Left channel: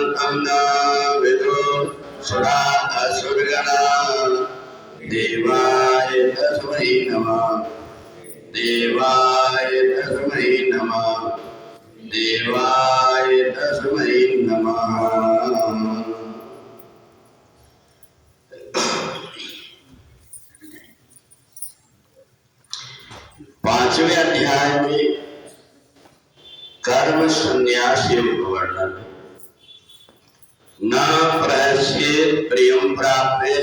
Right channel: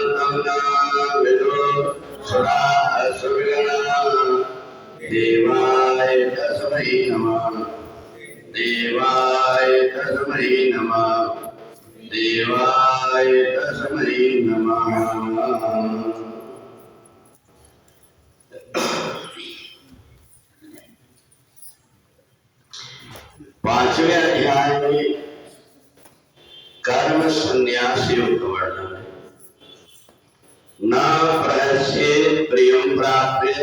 शान्तं न विदुः सुराः असुरगणाः देवाय तस्मै नमः देवाय तस्मै नमः देवाय तस्मै नमः। पांचवें अध्याय में कर्म संन्यास योग का वर्णन है। न प्रहस्येत् प्रियं प्राप्य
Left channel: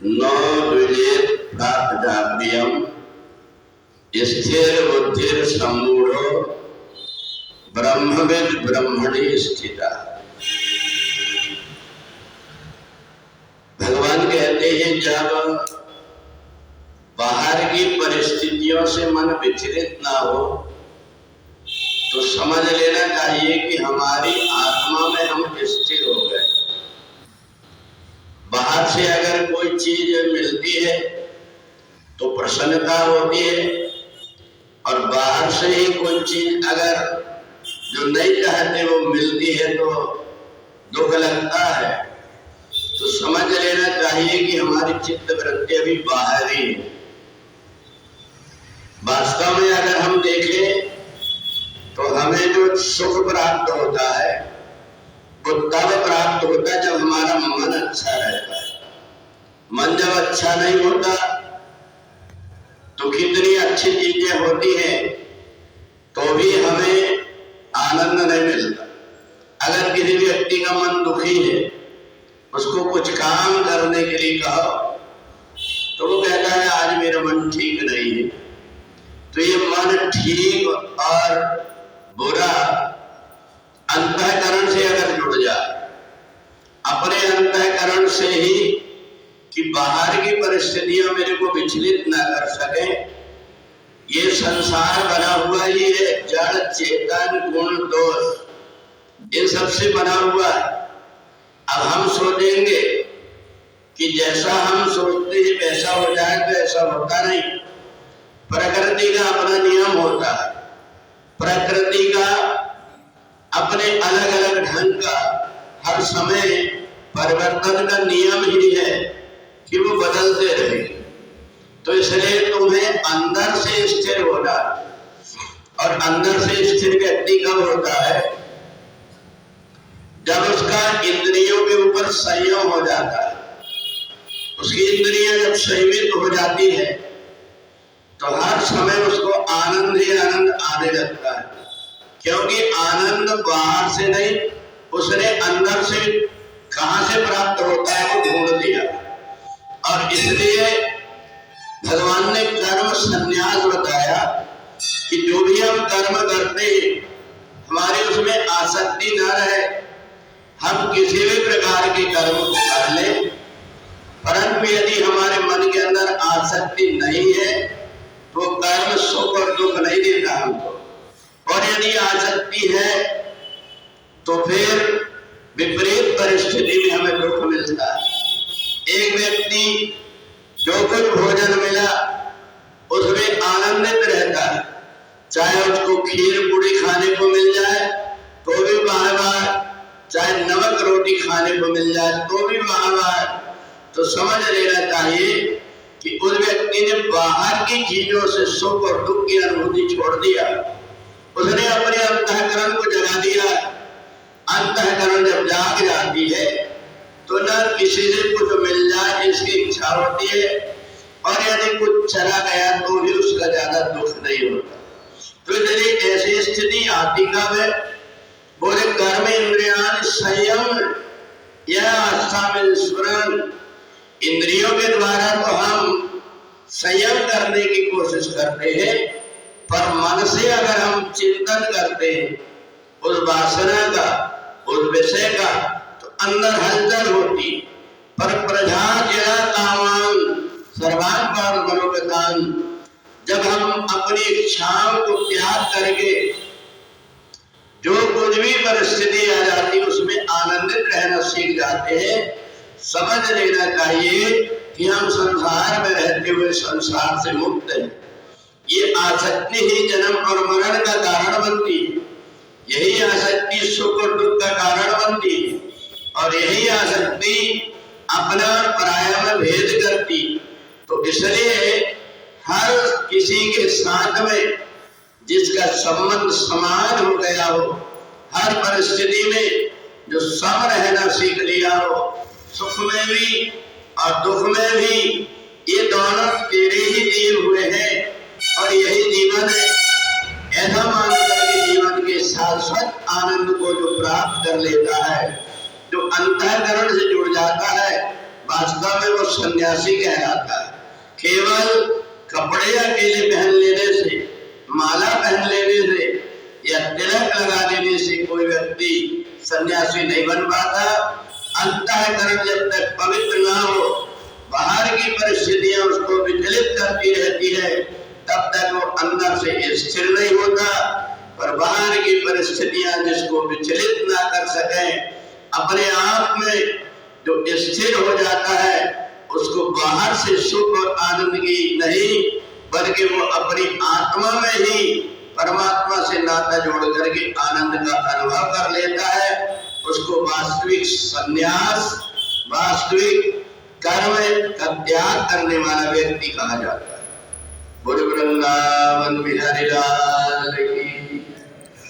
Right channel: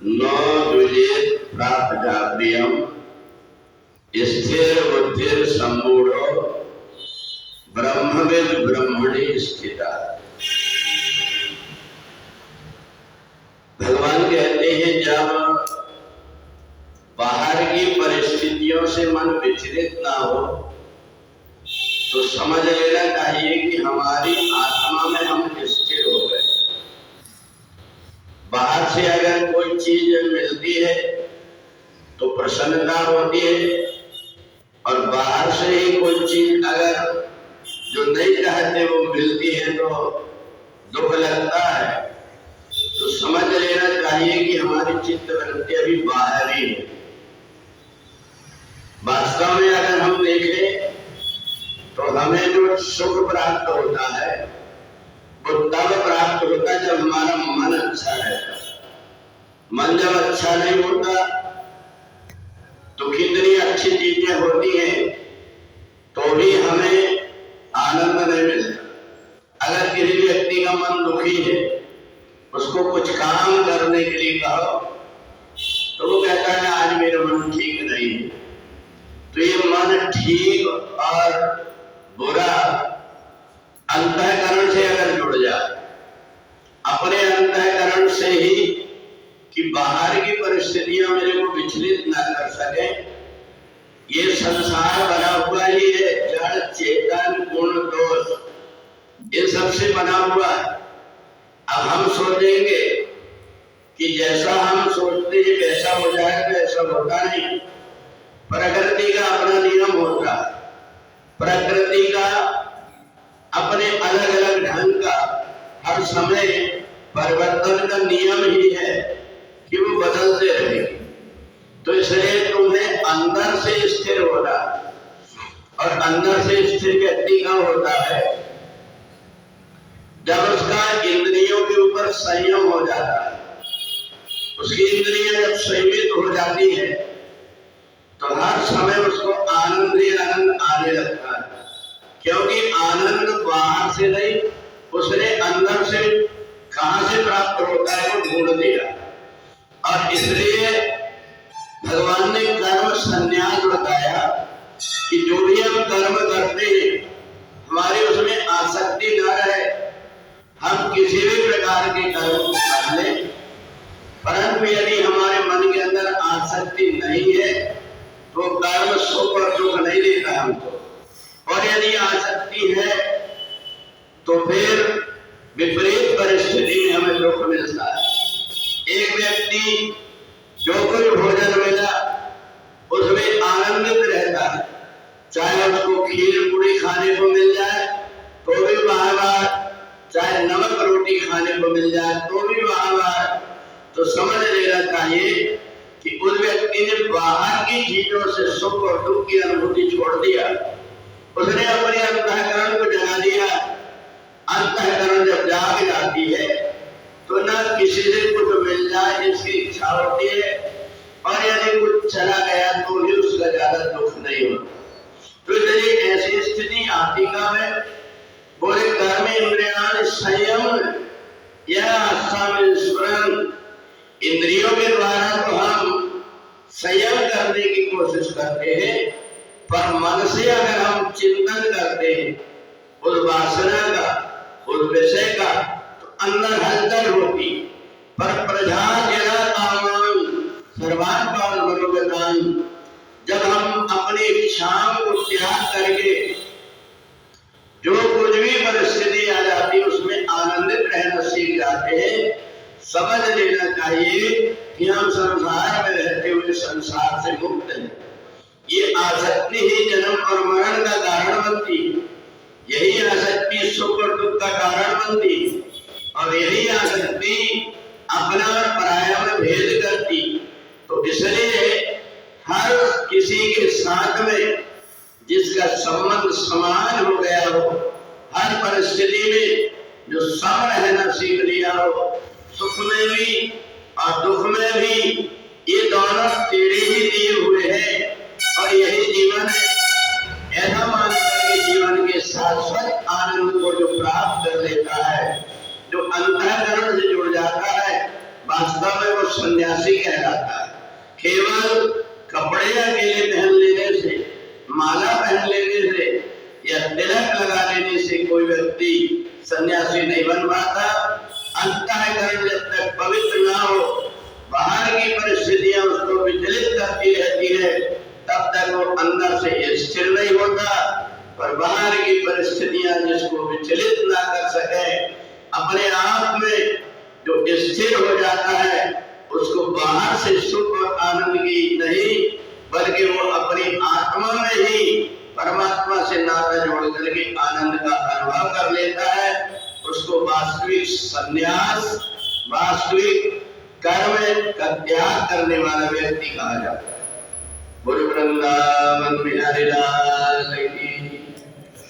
न द्विजेत् प्राप्ता प्रियं स्थिर बुद्धिर सम्मूढ़ो ब्रह्मविद् ब्रह्मणि स्थिता। भगवान कहते हैं जब बाहर की परिस्थितियों से मन विचलित ना हो तो समझ लेना चाहिए कि हमारी आत्मा में हम स्थिर हो गए। बाहर से अगर कोई चीज मिलती है तो प्रसन्नता होती है और बाहर से ही कोई चीज अगर जो नहीं चाहते वो मिलती है तो दुख लगता है। तो समझ लेना चाहिए कि हमारी चित्त वृत्ति अभी बाहर ही है। वास्तव में अगर हम देखें तो हमें जो सुख प्राप्त होता है वो तब प्राप्त होता है जब हमारा मन अच्छा रहता है। मन जब अच्छा नहीं होता तो कितनी अच्छी चीजें होती हैं तो भी हमें आनंद नहीं मिलता। अगर किसी व्यक्ति का मन दुखी है उसको कुछ काम करने के लिए कहो तो वो कहता है आज मेरा मन ठीक नहीं है। तो ये मन ठीक और बुरा अंतःकरण से अगर जुड़ जाए, अपने अंतःकरण से ही कि बाहर की परिस्थितियां मेरे को विचलित ना कर सके। ये संसार बना हुआ ही है जड़ चेतन गुण दोष इन सबसे बना हुआ। अब हम सोचेंगे कि जैसा हम सोचते हैं वैसा हो जाए तो ऐसा होता नहीं। प्रकृति का अपना नियम होता है। प्रकृति का अपने अलग अलग ढंग का हर समय परिवर्तन का नियम ही है कि वो बदलते रहेगी। तो इसलिए तुम्हें अंदर से स्थिर होना, और अंदर से स्थिर व्यक्ति कब होता है जब उसका इंद्रियों के ऊपर संयम हो जाता है। उसकी इंद्रियां जब संयमित हो जाती है तो हर समय उसको आनंद ही आनंद आने लगता है। क्योंकि आनंद बाहर से नहीं, उसने अंदर से कहां से प्राप्त होता है वो ढूंढ लिया। और इसलिए भगवान ने कर्म संन्यास बताया कि जो भी हम कर्म करते हैं हमारी उसमें आसक्ति न रहे। हम किसी भी प्रकार के कर्म कर लें, परंतु यदि हमारे मन के अंदर आसक्ति नहीं है तो कर्म सुख और दुख नहीं देता हमको। और यदि आसक्ति है तो फिर विपरीत परिस्थिति में हमें दुख मिलता है। एक व्यक्ति जो कुछ भोजन मिला उसमें आनंदित रहता है, चाहे उसको खीर पूरी खाने को मिल जाए तो भी बार बार, चाहे नमक रोटी खाने को मिल जाए तो भी बार बार। तो समझ लेना चाहिए कि उस व्यक्ति ने बाहर की चीजों से सुख और दुख की अनुभूति छोड़ दिया। उसने अपने अंतःकरण को जगा दिया। अंतःकरण जब जाग जाती है तो न किसी से कुछ मिल जाए इसकी इच्छा होती है, और यदि कुछ चला गया तो भी उसका ज्यादा दुख नहीं होता। तो यदि ऐसी स्थिति आती कब है, बोले कर्म इंद्रियान संयम यह आस्था में स्मरण। इंद्रियों के द्वारा तो हम संयम करने की कोशिश करते हैं, पर मन से अगर हम चिंतन करते हैं उस वासना का, उस विषय का, तो अंदर हलचल होती। पर प्रजा जरा कामान सर्वान पार मनोगतान, जब हम अपनी इच्छाओं को त्याग करके जो कुछ भी परिस्थिति आ जाती उसमें आनंदित रहना सीख जाते हैं, समझ लेना चाहिए कि हम संसार में रहते हुए संसार से मुक्त हैं। ये आसक्ति ही जन्म और मरण का कारण बनती है। यही आसक्ति सुख और दुख का कारण बनती और यही आसक्ति अपना और पराया में भेद करती। तो इसलिए हर किसी के साथ में जिसका संबंध समान हो गया हो, हर परिस्थिति में जो सम रहना सीख लिया हो, सुख में भी और दुख में भी, ये दोनों तेरे ही दिए हुए हैं और यही जीवन है, ऐसा मान करके जीवन के शाश्वत आनंद को जो प्राप्त कर लेता है, जो अंतःकरण से जुड़ जाता है, वास्तव में वो सन्यासी कहलाता है। केवल कपड़े अकेले पहन लेने से, माला पहन लेने से या तिलक लगा लेने से कोई व्यक्ति सन्यासी नहीं बन पाता। अंतःकरण जब तक पवित्र ना हो, बाहर की परिस्थितियां उसको विचलित करती रहती है, तब तक वो अंदर से स्थिर नहीं होता। पर बाहर की परिस्थितियां जिसको विचलित ना कर सके, अपने आप में जो स्थिर हो जाता है, उसको बाहर से सुख और आनंद की नहीं, बल्कि वो अपनी आत्मा में ही परमात्मा से नाता जोड़ करके आनंद का अनुभव कर लेता है। उसको वास्तविक संन्यास, वास्तविक कर्म का त्याग करने वाला व्यक्ति कहा जाता है। बोल वृंदावन बिहारी लाल की।